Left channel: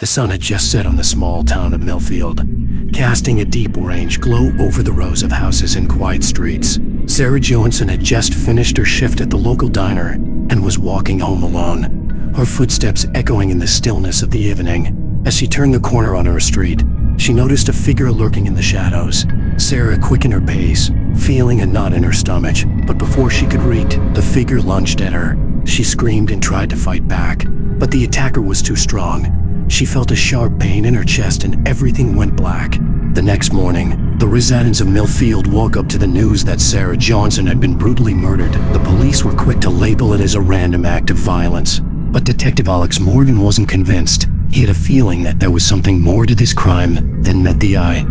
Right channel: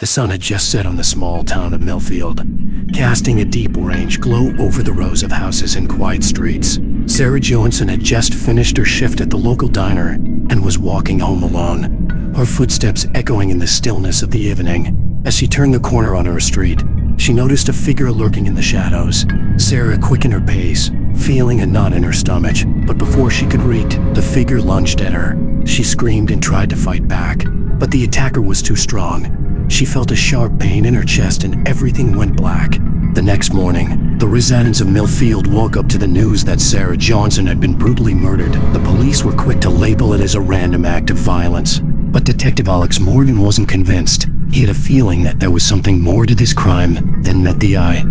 The sun had just set on the small town of Millfield, casting a deep orange glow over the rows of houses and quiet streets. Sarah Johnson had just finished her shift at the local diner and was walking home alone, her footsteps echoing in the stillness of the evening. As she turned the corner on her street, she noticed a figure lurking in the shadows. Sarah quickened her pace, feeling a knot in her stomach, but before she could reach, the figure lunged at her. She screamed and tried to fight back, but the attacker was too strong. She felt a sharp pain in her chest and everything went black. The next morning, the residents of Millfield woke up to the news that Sarah Johnson had been brutally murdered. The police were quick to label it as a random act of violence, but Detective Alex Morgan wasn't convinced. He had a feeling that there was something more to this crime than met the eye.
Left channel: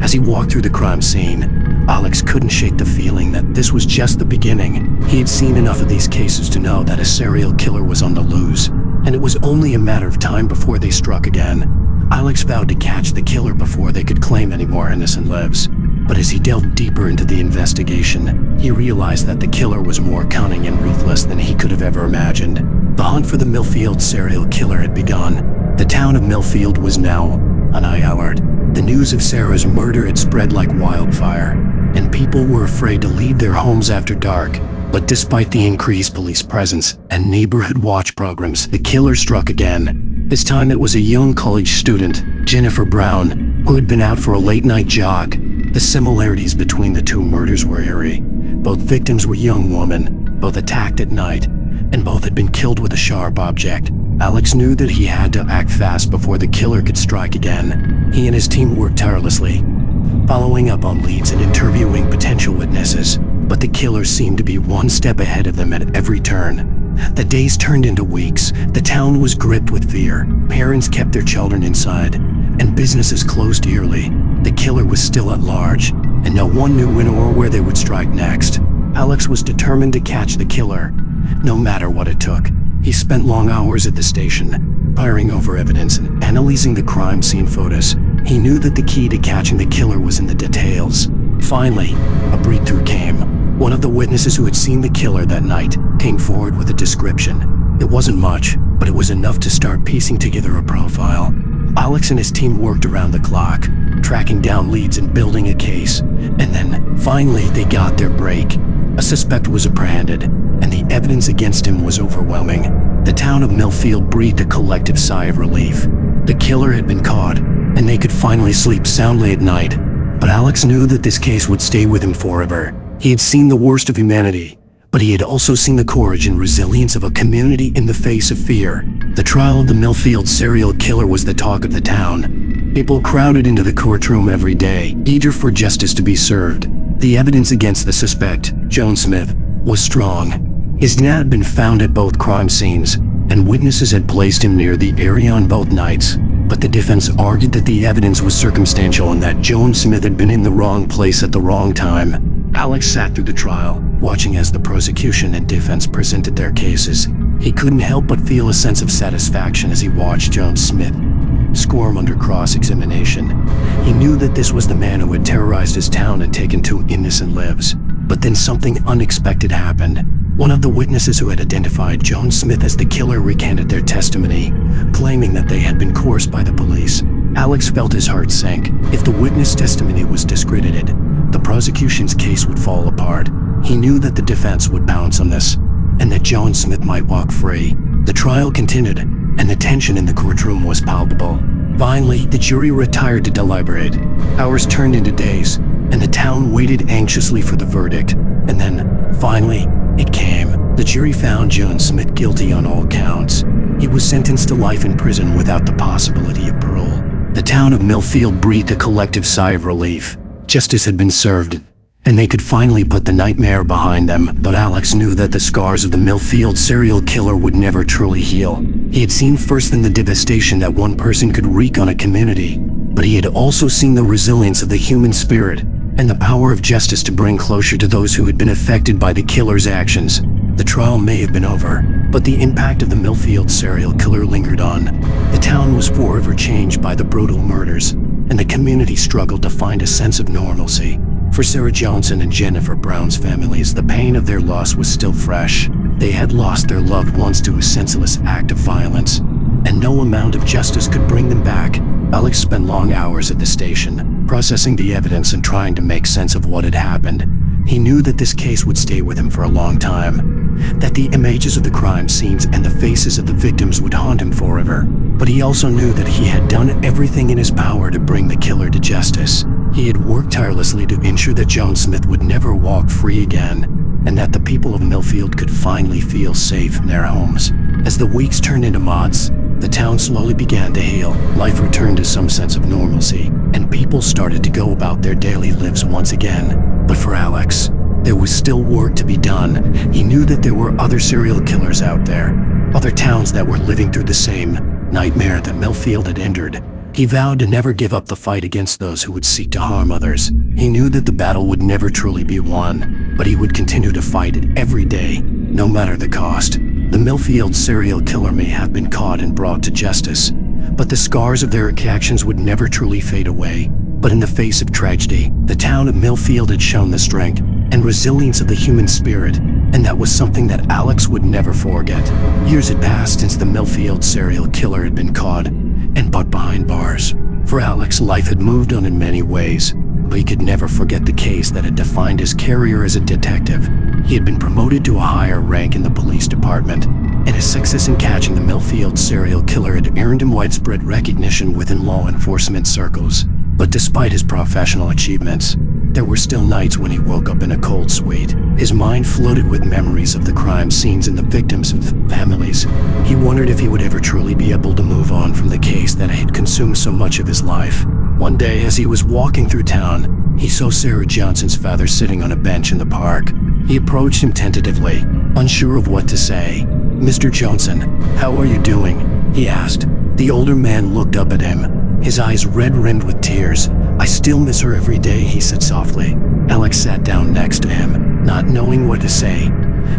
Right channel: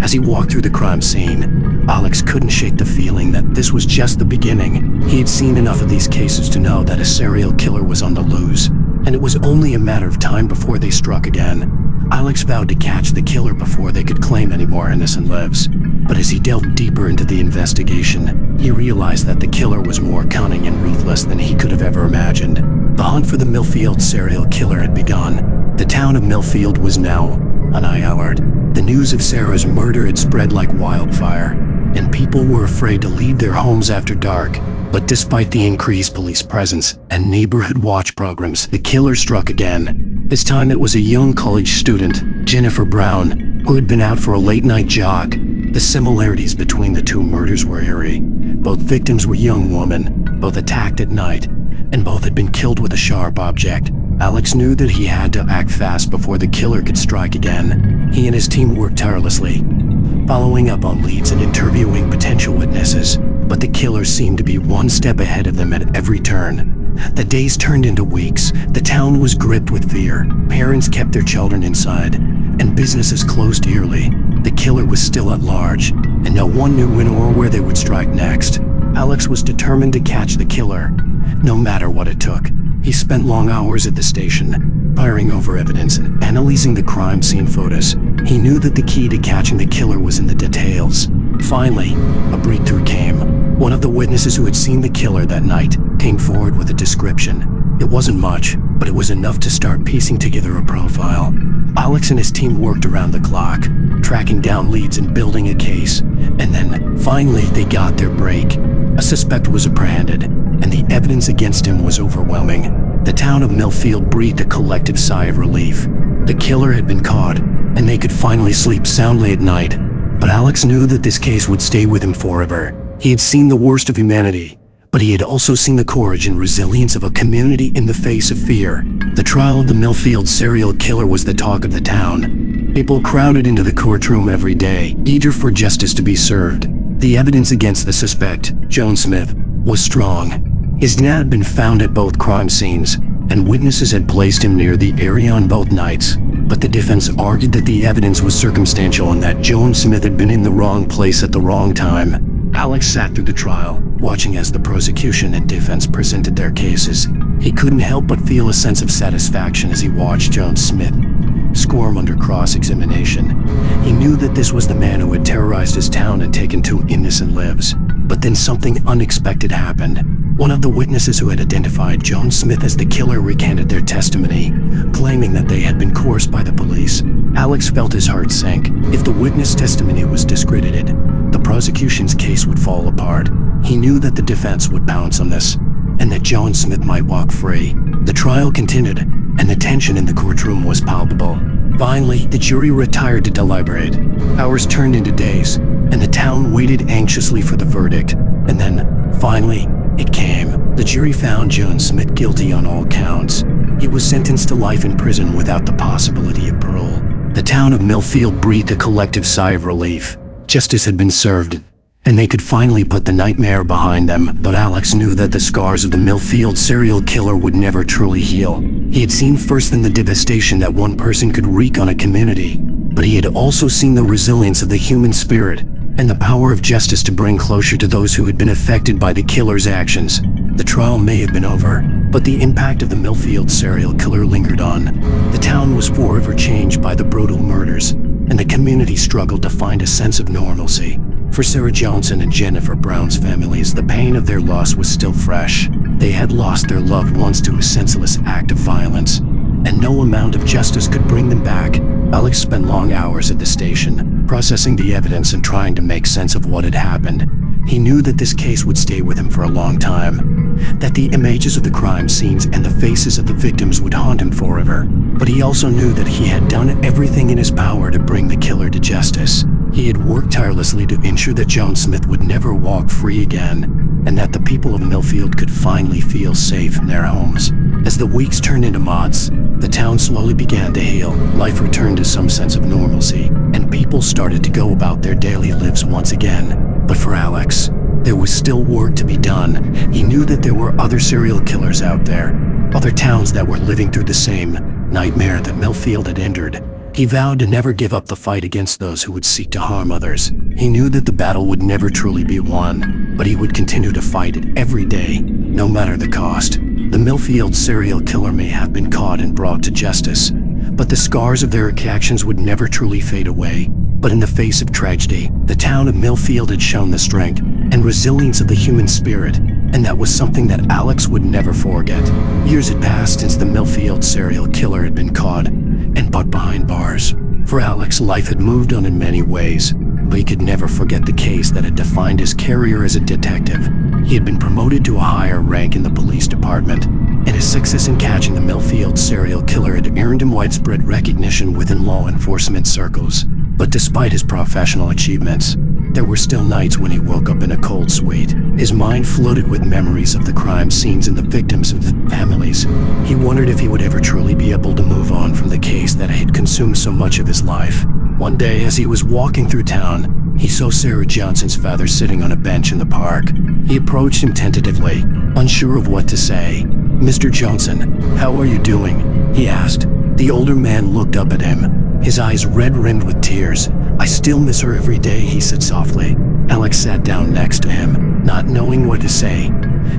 As he walked through the crime scene, Alex couldn't shake the feeling that this was just the beginning. He had seen enough of these cases to know that a serial killer was on the loose, and it was only a matter of time before they struck again. Alex vowed to catch the killer before they could claim any more innocent lives. But as he delved deeper into the investigation, he realized that the killer was more cunning and ruthless than he could have ever imagined. The hunt for the Millfield serial killer had begun. The town of Millfield was now on high alert. The news of Sarah's murder had spread like wildfire, and people were afraid to leave their homes after dark. But despite the increased police presence and neighborhood watch programs, the killer struck again. This time it was a young college student, Jennifer Brown, who had been out for a late-night jog. The similarities between the two murders were eerie. Both victims were young women, both attacked at night, and both had been killed with a sharp object. Alex knew that he had to act fast before the killer could strike again. He and his team worked tirelessly, following up on leads and interviewing potential witnesses, but the killer seemed to be one step ahead of them at every turn. The days turned into weeks. The town was gripped with fear. Parents kept their children inside, and businesses closed yearly. The killer was still at large, and no one knew when or where they would strike next. Alex was determined to catch the killer, no matter what it took. He spent long hours at the station, poring over evidence and analyzing the crime scene photos. He knew that the key to catching the killer was in the details. Finally, a breakthrough came. One of the witnesses who had seen the killer that night came forward with a description. It wasn't much, but it was enough to start piecing together a profile. Alex and his team worked around the clock, tracking down leads and building a case, and then, finally, they got their break. A suspect was apprehended, and the evidence against him was overwhelming. The town of Millfield breathed a collective sigh of relief. The killer had been caught, and they could finally sleep soundly at night. But Alex knew that this case would stay with him forever. He had seen the worst of humanity, but he had also seen the courage and resilience of a community in the face of fear. The trial of the Millfield serial killer was the talk of the town. People crowded into the courtroom every day, eager for justice to be served. The evidence against the suspect, Joan Smith, was strong. His DNA had been found at both crime scenes, and witnesses had placed him near the area on both nights. But the defense argued that the evidence was circumstantial and that Joan Smith had been in the wrong place at the wrong time. Alex sat through the trial, watching as the prosecution and defense presented their cases. He couldn't help but feel a sense of satisfaction as he watched Joan Smith squirm under cross-examination. He knew that this was the man who had terrorized his town and taken 2 innocent lives. But then something unexpected happened. One of the witnesses who had identified Joan Smith as the killer recanted their testimony, claiming that they had been coerced by the police. Alex felt his heart sink. If the witness testimony was discredited, the prosecution's case would fall apart. He knew that the defense would pounce on this, and that Joan Smith might walk free. The trial continued, and the tension in the courtroom was palpable. Finally, the jury retired to deliberate. Hours turned into days, and the town waited anxiously for the verdict. And then, finally, it came. The jury found Joan Smith guilty on all counts. He was sentenced to life in prison without the possibility of parole. The town of Millfield breathed a collective sigh of relief. Justice had been served, and they could finally put the nightmare behind them. But Alex knew that the scars of the Millfield serial killer would never truly heal. He had seen firsthand the devastation that one person could wreak on a community, but he had also seen the resilience of the human spirit and the power of justice to bring closure to those who had been affected by the killer's actions. The trial may have been over, but the impact of the Millfield serial killer lingered on. The town was forever changed by the brutal murders, and the community struggled to find a sense of normalcy. For Sarah Johnson and Jennifer Brown's families, the pain of their loss was still fresh. They had lost their loved ones to a senseless act of violence. and no amount of justice could bring them back. Alex spent long hours at the station, processing the evidence and trying to make sense of what had happened. He knew that this case would stay with him for a long time, that the images of the crime scenes and the faces of the victims would haunt him forever. But he also knew that he had done everything in his power to bring the killer to justice. He had worked tirelessly to ensure that Joan Smith would never walk free again, and that the people of Millfield could finally feel safe in their homes. As the weeks turned into months, the town slowly began to heal. Life returned to some sense of normalcy, and people started to go about their daily lives once again. But for Alex, there was still work to be done. He knew that there were other serial killers out there, other towns that were living through the same nightmare that Millfield had entered. He vowed to never give up the fight against those who would seek to harm others. He knew that the battle would never truly be won, but he would continue to fight it every day, no matter the cost. The Millfield serial killer may have been caught and brought to justice, but the scars of their actions would never truly fade away. But in the face of tragedy, the town of Millfield had shown the strength and resilience of the human spirit, and that was something that Alex would never forget. Years had passed since the Millfield serial killer had been caught and put behind bars. For Alex, life had moved on in many ways, but he could never forget the case that had defined his career as a detective. He had been promoted to a higher rank in the police department, and his success in catching the Millfield serial killer had earned him widespread recognition within law enforcement circles. But despite his professional achievements, there were still nights when he woke up in a cold sweat. His mind floated with memories of the crime scenes and the victims and families. He wondered if he would ever truly be able to move on from the case that had consumed so much of his life. One day, as he was walking through town, he saw Sarah Johnson's father sitting on a bench in the park. He approached him tentatively, unsure of what to say. "Mr. Johnson, how are you doing?" he asked. The older man looked up at him, his eyes red-rimmed with tears. "I still miss her every day," he said softly. Alex sat down next to him, not knowing what to say.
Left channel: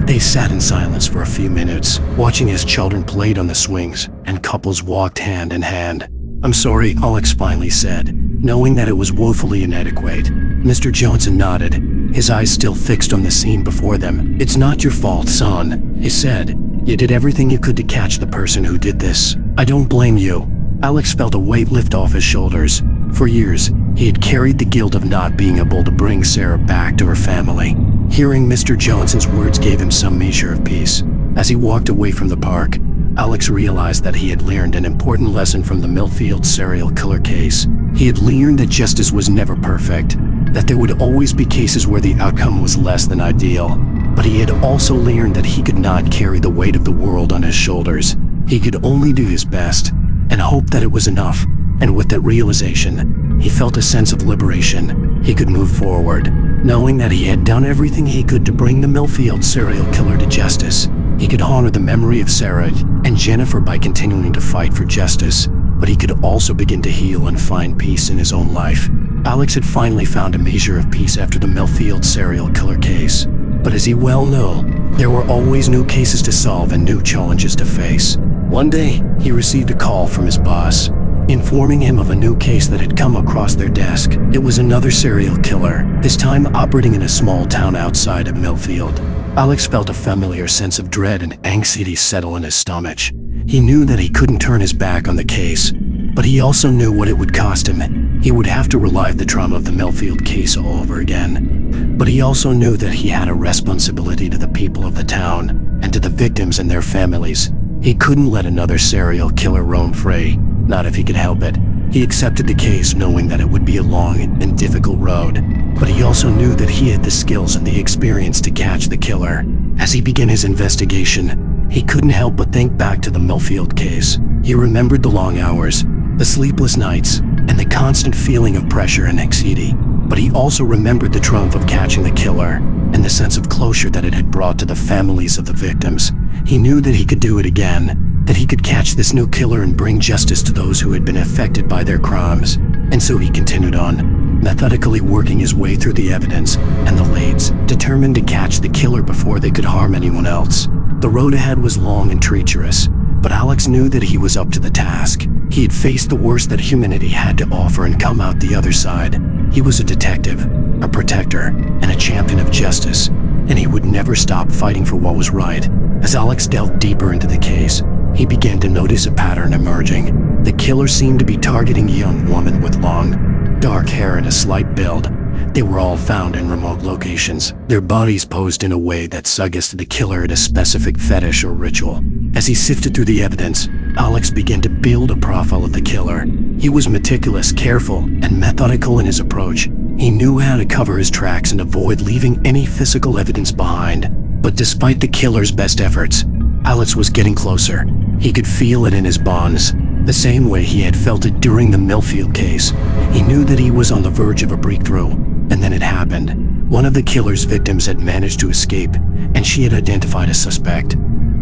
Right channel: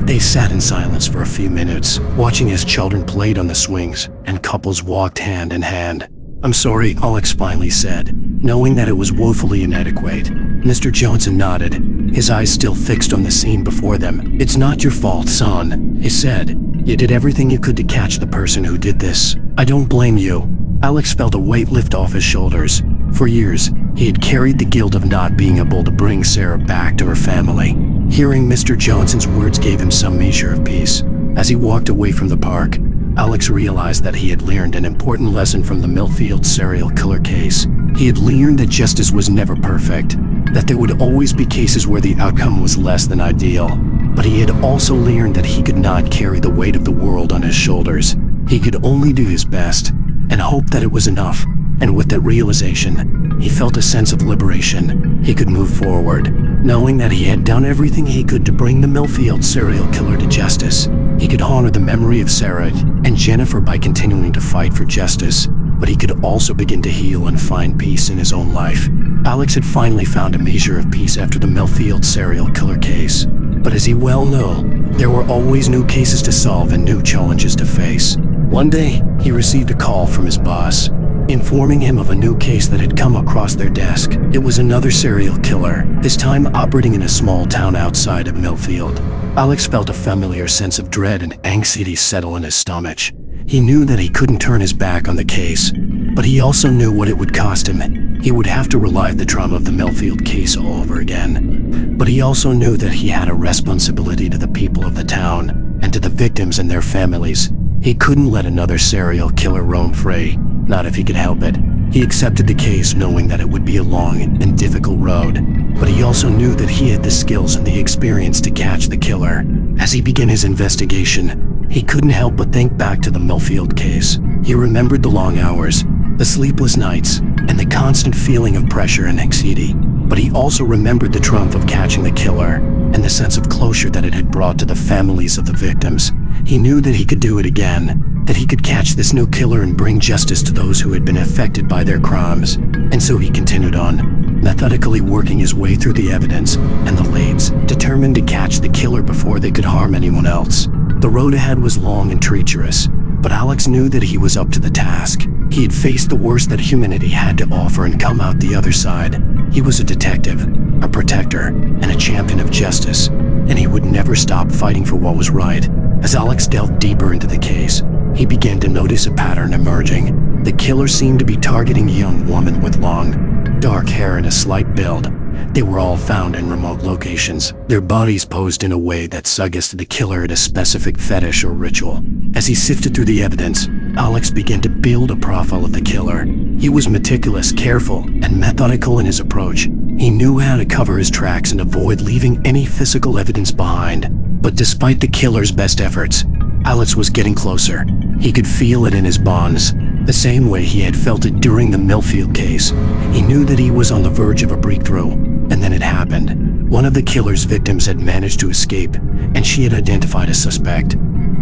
They sat in silence for a few minutes, watching as children played on the swings and couples walked hand in hand. "I'm sorry," Alex finally said, knowing that it was woefully inadequate. Mr. Johnson nodded, his eyes still fixed on the scene before them. "It's not your fault, son," he said. "You did everything you could to catch the person who did this. I don't blame you." Alex felt a weight lift off his shoulders. For years, he had carried the guilt of not being able to bring Sarah back to her family. Hearing Mr. Johnson's words gave him some measure of peace. As he walked away from the park, Alex realized that he had learned an important lesson from the Millfield serial killer case. He had learned that justice was never perfect, that there would always be cases where the outcome was less than ideal. But he had also learned that he could not carry the weight of the world on his shoulders. He could only do his best and hope that it was enough. And with that realization, he felt a sense of liberation. He could move forward, knowing that he had done everything he could to bring the Millfield serial killer to justice. He could honor the memory of Sarah and Jennifer by continuing to fight for justice, but he could also begin to heal and find peace in his own life. Alex had finally found a measure of peace after the Millfield serial killer case. But as he well knew, there were always new cases to solve and new challenges to face. One day, he received a call from his boss, informing him of a new case that had come across their desk. It was another serial killer, this time operating in a small town outside of Millfield. Alex felt a familiar sense of dread and anxiety settle in his stomach. He knew that he couldn't turn his back on the case, but he also knew what it would cost him. He would have to relive the trauma of the Millfield case all over again. But he also knew that he had a responsibility to the people of the town and to the victims and their families. He couldn't let another serial killer roam free, not if he could help it. He accepted the case knowing that it would be a long and difficult road, but he also knew that he had the skills and the experience to catch the killer. As he began his investigation, he couldn't help but think back to the Millfield case. He remembered the long hours, the sleepless nights, and the constant feeling of pressure and anxiety. But he also remembered the triumph of catching the killer and the sense of closure that it had brought to the families of the victims. He knew that he could do it again, that he could catch this new killer and bring justice to those who had been affected by their crimes. And so he continued on, methodically working his way through the evidence and the leads, determined to catch the killer before they could harm anyone else. The road ahead was long and treacherous, but Alex knew that he was up to the task. He had faced the worst that humanity had to offer and come out the other side. He was a detective, a protector, and a champion of justice, and he would never stop fighting for what was right. As Alex delved deeper into the case, he began to notice a pattern emerging. The killer seemed to be targeting a young woman with long, dark hair and a slight build. They were all found in remote locations, their bodies posed in a way that suggested the killer had a specific fetish or ritual. As he sifted through the evidence, Alex began to build a profile of the killer. He was meticulous, careful, and methodical in his approach. He knew how to cover his tracks and avoid leaving any physical evidence behind. But despite the killer's best efforts, Alex was getting closer. He could feel it in his bones, the same way he had felt it during the Millfield case. He knew that he was on the verge of a breakthrough, and then it happened. One of the killer's victims had managed to escape, and she had identified a suspect.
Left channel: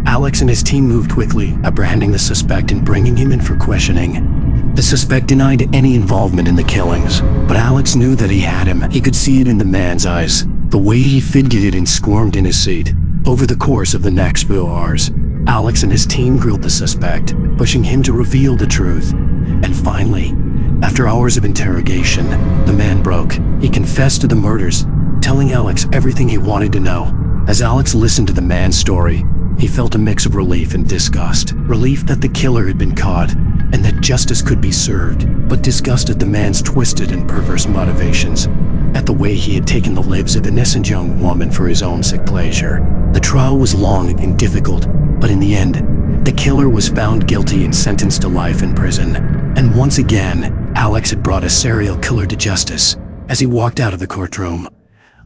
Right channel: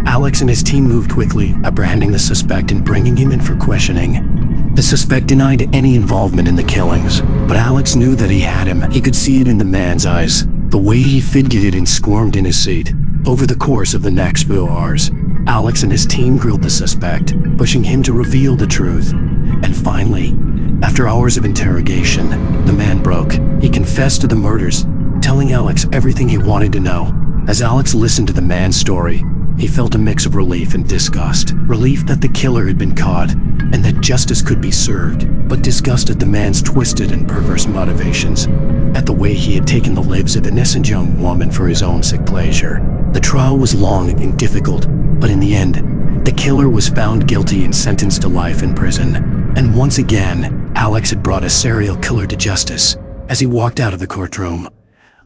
Alex and his team moved quickly, apprehending the suspect and bringing him in for questioning. The suspect denied any involvement in the killings, but Alex knew that he had him. He could see it in the man's eyes, the way he fidgeted and squirmed in his seat. Over the course of the next few hours, Alex and his team grilled the suspect, pushing him to reveal the truth. And finally, after hours of interrogation, the man broke. He confessed to the murders, telling Alex everything he wanted to know. As Alex listened to the man's story, he felt a mix of relief and disgust. Relief that the killer had been caught, and that justice could be served, but disgust at the man's twisted and perverse motivations, at the way he had taken the lives of an innocent young woman for his own sick pleasure. The trial was long and difficult, but in the end, the killer was found guilty and sentenced to life in prison. And once again, Alex had brought a serial killer to justice. As he walked out of the courtroom,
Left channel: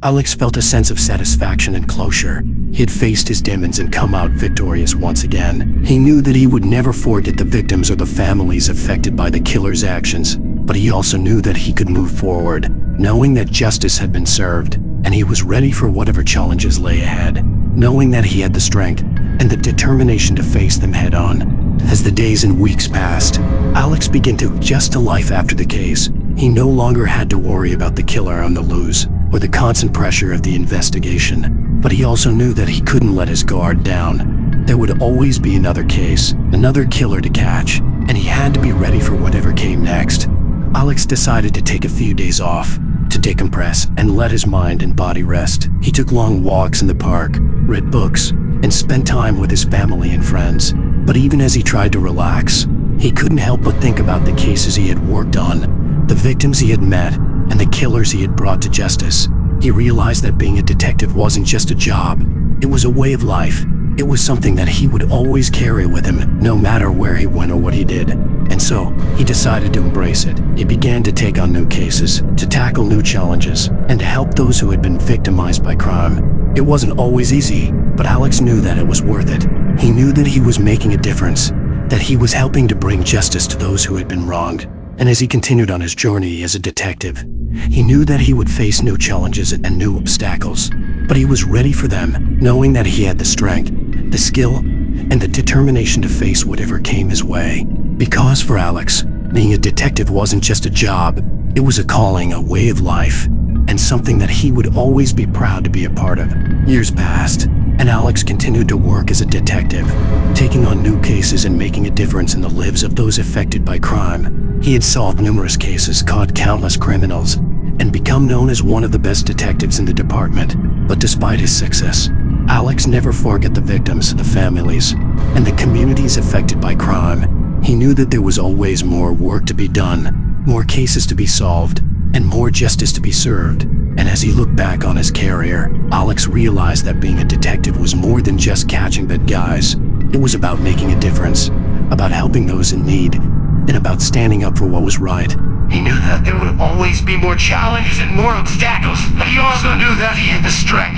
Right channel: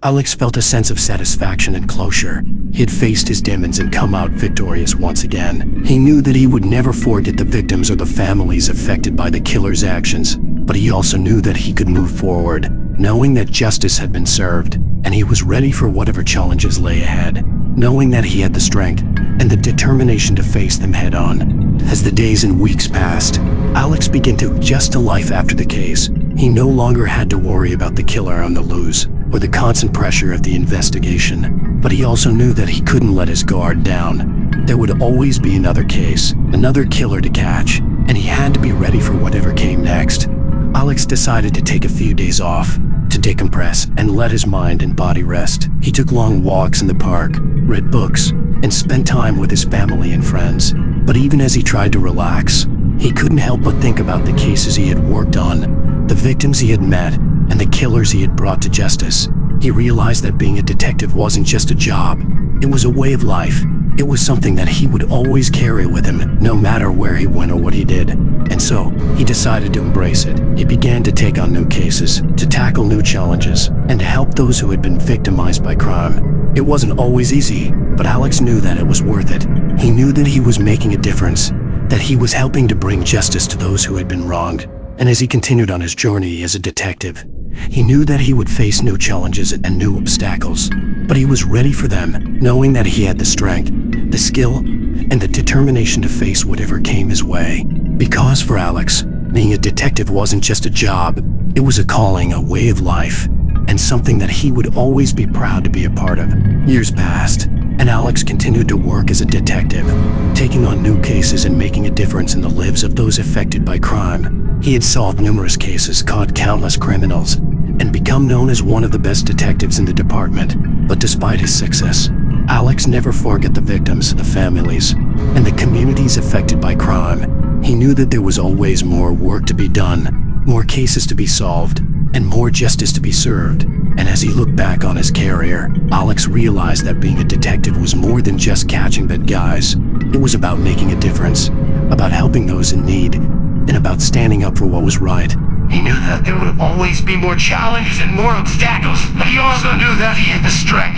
Alex felt a sense of satisfaction and closure. He had faced his demons and come out victorious once again. He knew that he would never forget the victims or the families affected by the killer's actions, but he also knew that he could move forward, knowing that justice had been served, and he was ready for whatever challenges lay ahead, knowing that he had the strength and the determination to face them head on. As the days and weeks passed, Alex began to adjust to life after the case. He no longer had to worry about the killer on the loose, or the constant pressure of the investigation. But he also knew that he couldn't let his guard down. There would always be another case, another killer to catch, and he had to be ready for whatever came next. Alex decided to take a few days off, to decompress and let his mind and body rest. He took long walks in the park, read books, and spent time with his family and friends. But even as he tried to relax, he couldn't help but think about the cases he had worked on, the victims he had met, and the killers he had brought to justice. He realized that being a detective wasn't just a job, it was a way of life. It was something that he would always carry with him, no matter where he went or what he did. And so, he decided to embrace it. He began to take on new cases, to tackle new challenges, and to help those who had been victimized by crime. It wasn't always easy, but Alex knew that it was worth it. He knew that he was making a difference, that he was helping to bring justice to those who had been wronged. And as he continued on his journey as a detective, he knew that he would face new challenges and new obstacles, but he was ready for them, knowing that he had the strength, the skill, and the determination to face whatever came his way. Because for Alex, being a detective wasn't just a job, it was a calling, a way of life, and something that he would always be proud to be a part of. Years passed, and Alex continued to work as a detective, taking on new cases and making a difference in the lives of those affected by crime. He had solved numerous cases, caught countless criminals, and become known as one of the best detectives in the department. But despite his success, Alex never forgot the victims, the families, and the communities affected by crime. He knew that there was always more work to be done, more cases to be solved, and more justice to be served. And as he looked back on his career, Alex realized that being a detective was more than just catching bad guys. It was about making a difference, about helping those in need, and about standing up for what was right. He knew that there would always be more challenges and more obstacles, but he also knew that he had the strength,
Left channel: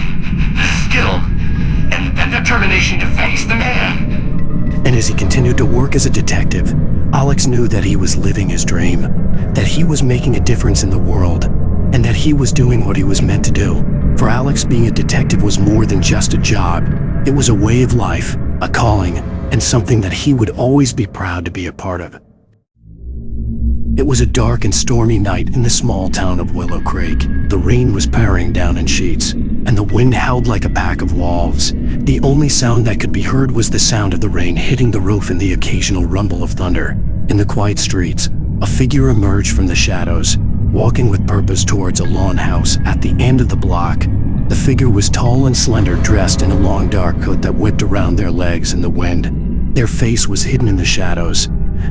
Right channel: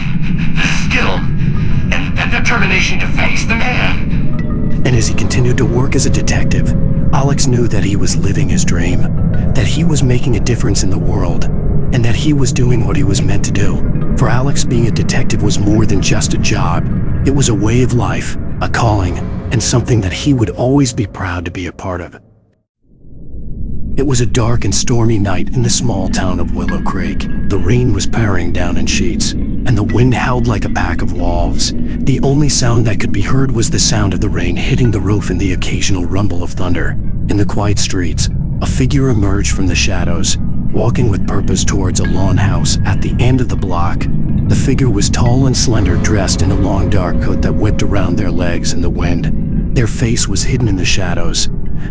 the skill, and the determination to face them head. And as he continued to work as a detective, Alex knew that he was living his dream, that he was making a difference in the world, and that he was doing what he was meant to do. For Alex, being a detective was more than just a job. It was a way of life, a calling, and something that he would always be proud to be a part of. It was a dark and stormy night in the small town of Willow Creek. The rain was pouring down in sheets, and the wind howled like a pack of wolves. The only sound that could be heard was the sound of the rain hitting the roof and the occasional rumble of thunder. In the quiet streets, a figure emerged from the shadows, walking with purpose towards a lawn house at the end of the block. The figure was tall and slender, dressed in a long dark coat that whipped around their legs in the wind. Their face was hidden in the shadows,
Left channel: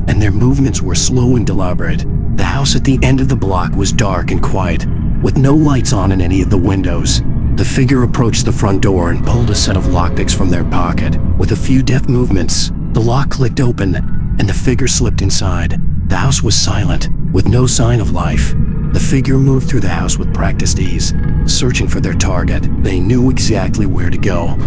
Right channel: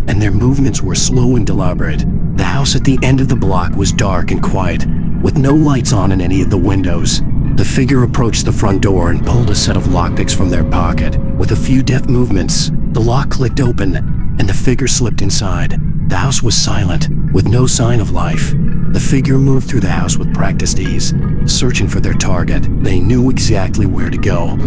and their movements were slow and deliberate. The house at the end of the block was dark and quiet, with no lights on in any of the windows. The figure approached the front door and pulled a set of lockpicks from their pocket. With a few deft movements, the lock clicked open, and the figure slipped inside. The house was silent, with no sign of life. The figure moved through the house with practiced ease, searching for their target. They knew exactly where to go,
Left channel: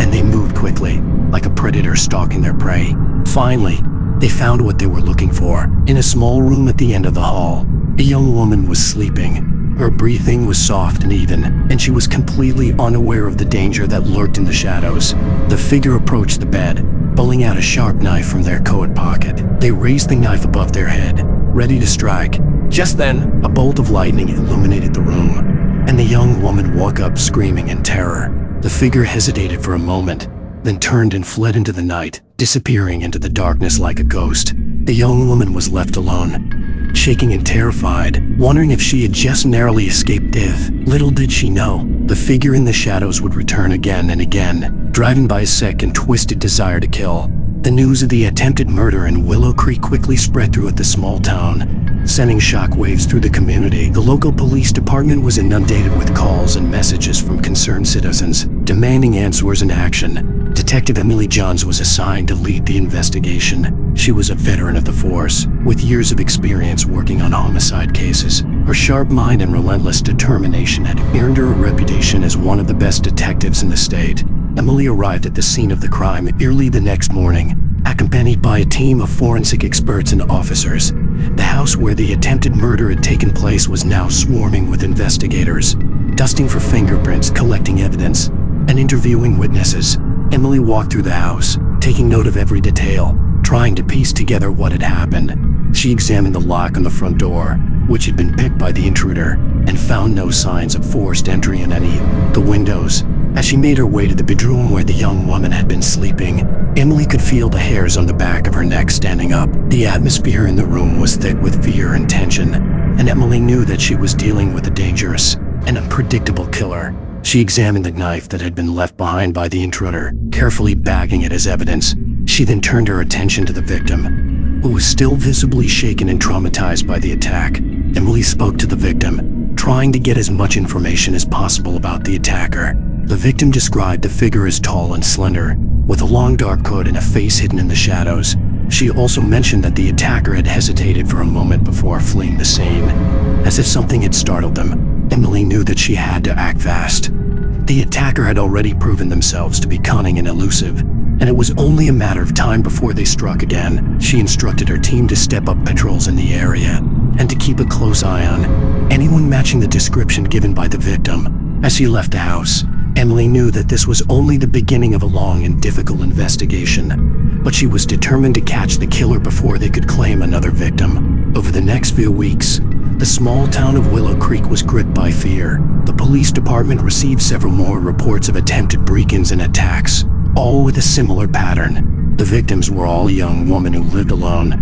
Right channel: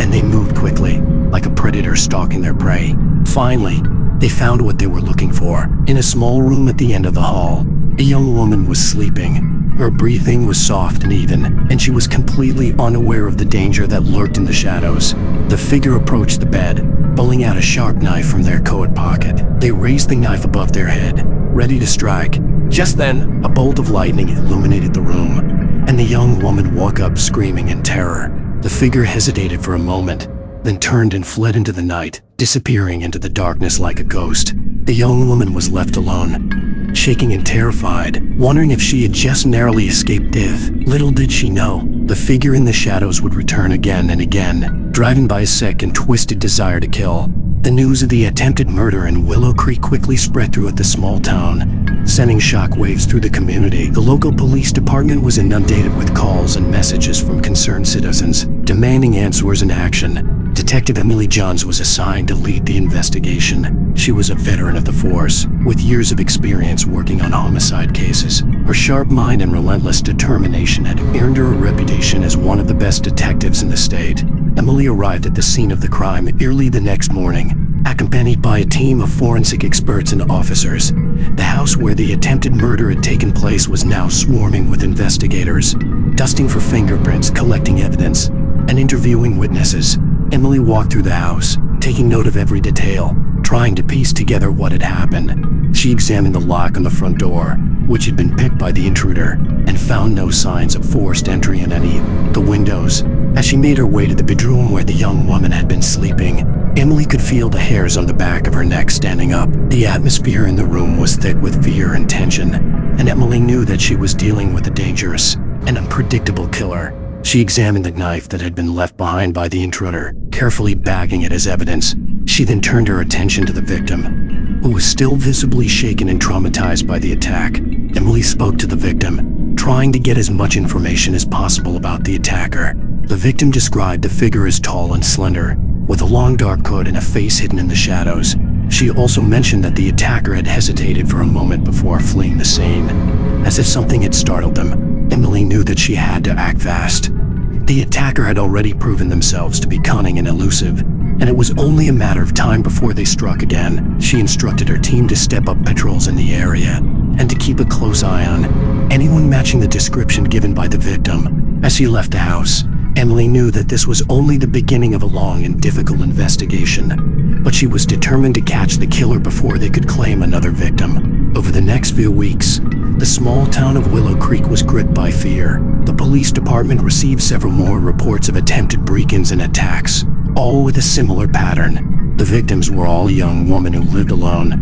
and they moved quickly, like a predator stalking their prey. Finally, they found what they were looking for. In a small room at the end of the hall, a young woman was sleeping. Her breathing was soft and even, and she was completely unaware of the danger that lurked in the shadows. The figure approached the bed, pulling out a sharp knife from their coat pocket. They raised the knife above their head, ready to strike. Just then, a bolt of lightning illuminated the room, and the young woman woke up screaming in terror. The figure hesitated for a moment, then turned and fled into the night, disappearing into the darkness like a ghost. The young woman was left alone, shaking and terrified, wondering if she had just narrowly escaped death. Little did she know, the figure in the shadows would return again and again, driven by a sick and twisted desire to kill. The news of the attempted murder in Willow Creek quickly spread throughout the small town, sending shockwaves through the community. The local police department was inundated with calls and messages from concerned citizens, demanding answers and action. Detective Emily Johns was assigned to lead the investigation. She was a veteran of the force, with years of experience working on homicide cases. Her sharp mind and relentless determination had earned her a reputation as one of the best detectives in the state. Emily arrived at the scene of the crime early the next morning, accompanied by a team of forensic experts and officers. The house where the attempted murder had taken place was now swarming with investigators, dusting for fingerprints, collecting evidence, and interviewing witnesses. Emily walked through the house, taking note of every detail, trying to piece together what had happened. She examined the lock on the front door, which had been picked by the intruder, and found no signs of forced entry in any of the windows. As she made her way to the bedroom where the young woman had been sleeping, Emily could feel the hairs on the back of her neck standing up. The atmosphere in the room was thick with fear and tension, and Emily knew that she was dealing with a dangerous and unpredictable killer. She examined the knife that had been left behind by the intruder, carefully bagging it as evidence. She then turned her attention to the victim, who was still visibly shaken and traumatized by the attack. Emily spoke to the victim, trying to get as much information as possible about the attacker. The victim described the figure as tall and slender, with a long dark coat and a face hidden in the shadows. She also mentioned that the attacker had hesitated for a moment before fleeing the scene, as if something had startled them. Emily knew that she had to act fast. The attacker had already proven themselves to be cunning and elusive, and it was only a matter of time before they struck again. She instructed her team to step up patrols in the area, and to keep a close eye on anyone matching the description given by the victim. As she left the house, Emily knew that this was only the beginning of a long and difficult investigation, but she was determined to catch the killer before they could claim another victim. Over the next few weeks, the small town of Willow Creek was gripped by fear. The police department received several more reports of attempted break-ins and attacks, all with a similar pattern. The victims were all a young woman who lived alone,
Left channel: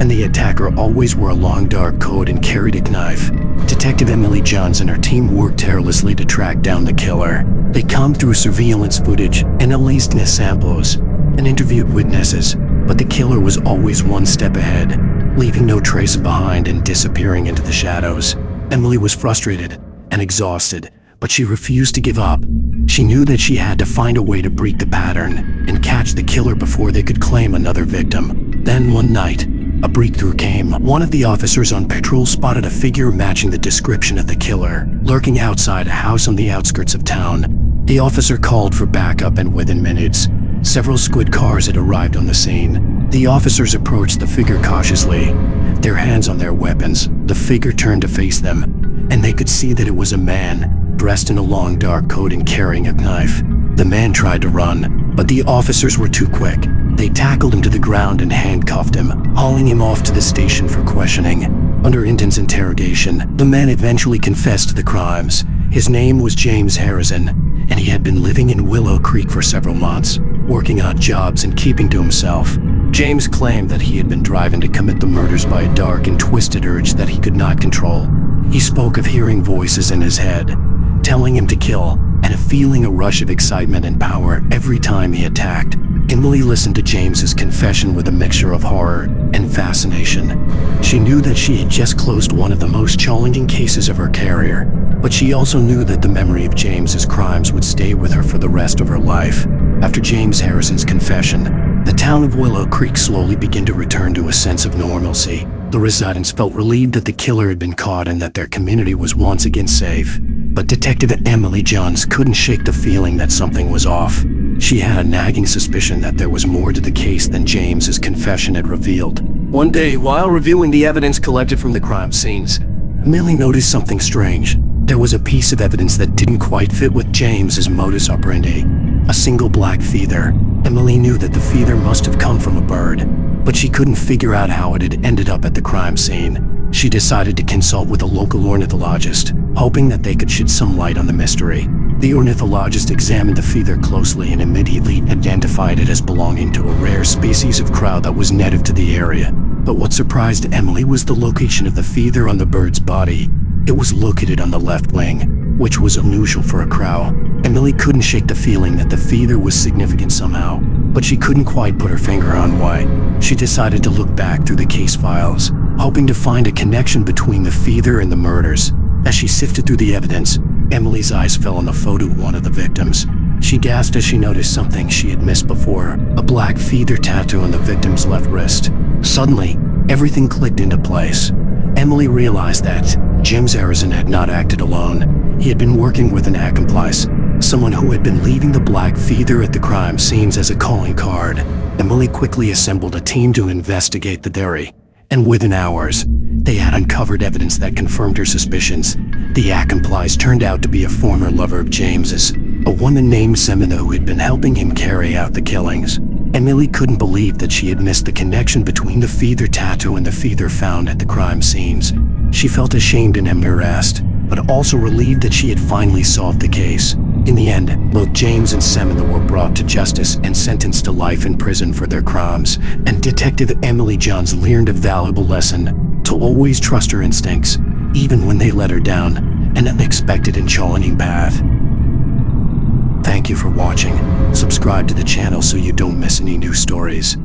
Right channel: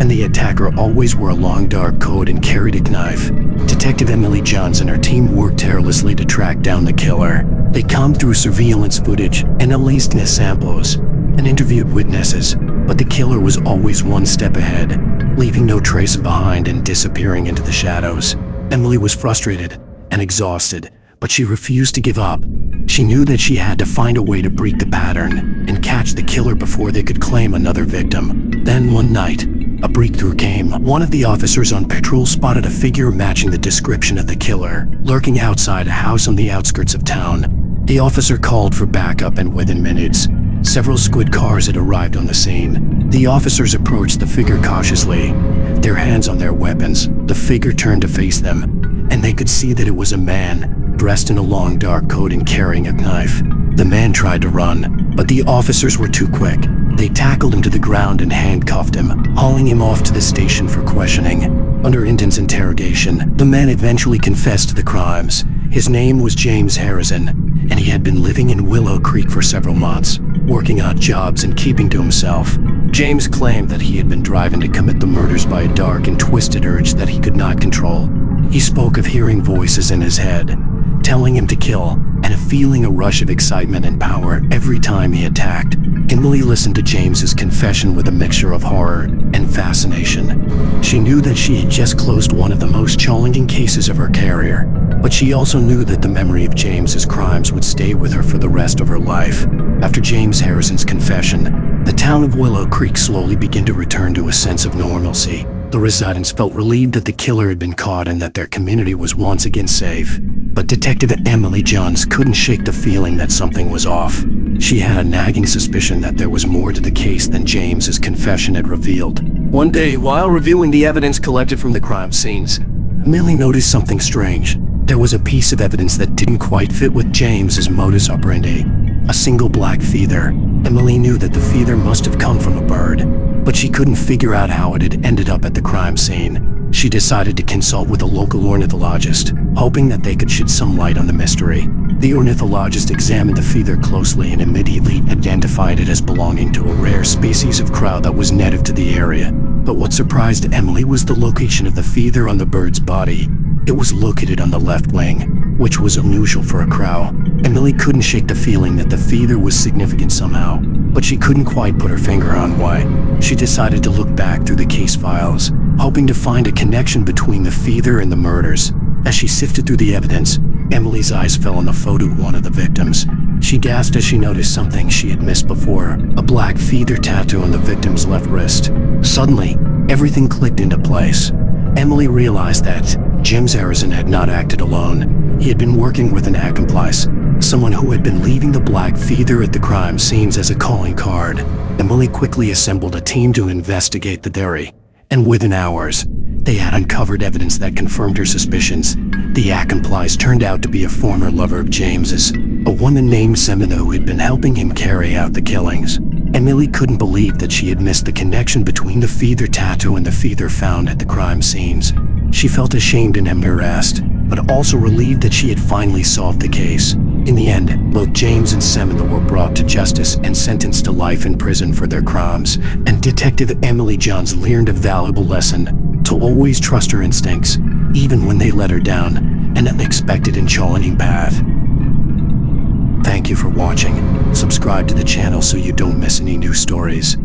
and the attacker always wore a long dark coat and carried a knife. Detective Emily Johns and her team worked tirelessly to track down the killer. They combed through surveillance footage, analyzed samples, and interviewed witnesses, but the killer was always one step ahead, leaving no trace behind and disappearing into the shadows. Emily was frustrated and exhausted, but she refused to give up. She knew that she had to find a way to break the pattern and catch the killer before they could claim another victim. Then one night, a breakthrough came. One of the officers on patrol spotted a figure matching the description of the killer, lurking outside a house on the outskirts of town. The officer called for backup, and within minutes, several squad cars had arrived on the scene. The officers approached the figure cautiously, their hands on their weapons. The figure turned to face them, and they could see that it was a man, dressed in a long dark coat and carrying a knife. The man tried to run, but the officers were too quick. They tackled him to the ground and handcuffed him, hauling him off to the station for questioning. Under intense interrogation, the man eventually confessed to the crimes. His name was James Harrison, and he had been living in Willow Creek for several months, working odd jobs and keeping to himself. James claimed that he had been driven to commit the murders by a dark and twisted urge that he could not control. He spoke of hearing voices in his head, telling him to kill, and of feeling a rush of excitement and power every time he attacked. Emily listened to James's confession with a mixture of horror and fascination. She knew that she had just closed one of the most challenging cases of her career, but she also knew that the memory of James's crimes would stay with her for the rest of her life. After James Harrison's confession, the town of Willow Creek slowly began to return to a sense of normalcy. The residents felt relieved that the killer had been caught and that their community was once again safe. But Detective Emily Johns couldn't shake the feeling that something was off. She had a nagging suspicion that there was more to the case than James's confession had revealed. One day, while reviewing the evidence collected from the crime scenes, Emily noticed something strange. There was a piece of evidence that didn't quite fit with James's modus operandi. A single black feather. Emily knew that the feather must have come from a bird, but she couldn't figure out how it had ended up at the crime scene. She decided to consult with a local ornithologist, hoping that they could shed some light on the mystery. The ornithologist examined the feather closely and immediately identified it as belonging to a rare species of crow that was native to the area. But what surprised Emily was the location of the feather on the bird's body. It was located on the left wing, which was unusual for a crow. Emily couldn't shake the feeling that the feather was significant somehow, but she couldn't quite put her finger on why. She decided to look back through the case files, hoping to find a connection between the feather and the murders. As she sifted through the evidence, Emily's eyes fell on the photo of one of the victims. She gasped as she noticed something she had missed before, a black feather tattoo on the victim's left wrist. Suddenly, everything clicked into place. Emily realized that James Harrison had not acted alone. He had been working with an accomplice, someone who had been leaving the black feather at the crime scenes as a calling card. Emily quickly assembled a team to investigate the theory, and within hours, they had uncovered evidence that confirmed her suspicions. The accomplice turned out to be a former lover of James's, a woman named Semina who had been helping him carry out the killings. Emily couldn't believe that she had missed the connection between the feather tattoo and the feather found at the crime scenes. She felt ashamed and embarrassed, but also relieved that she had finally solved the case. In the end, both James and Semina were brought to justice and sentenced to life in prison for their crimes, and Detective Emily Johns learned a valuable lesson: to always trust her instincts, even when they let her down an unexpected and challenging path. Thank you for watching. Subscribe to the channel so you don't miss any new stories.